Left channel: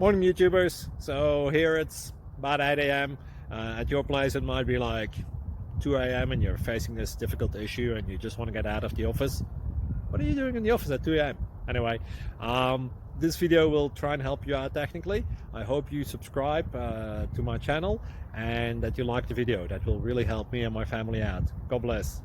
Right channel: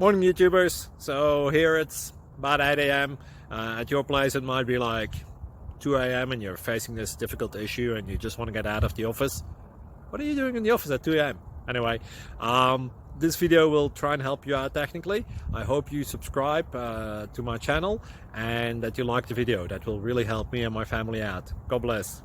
Morning, YouTubers. So here it's about 8 a.m. At your place, it might be like 2 a.m. and you're facing this difficult issue and you just want to get out of the office. What are you doing in the office at 2 a.m.? Anyway, this video will try and help you out technically. I hope you subscribe to my channel and that you like the video. That will really help me and my family out. God bless.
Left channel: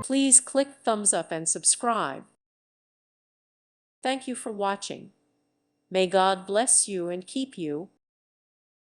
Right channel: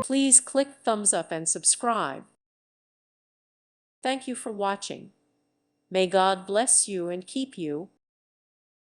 Please click thumbs up and subscribe. Thank you for watching. May God bless you and keep you.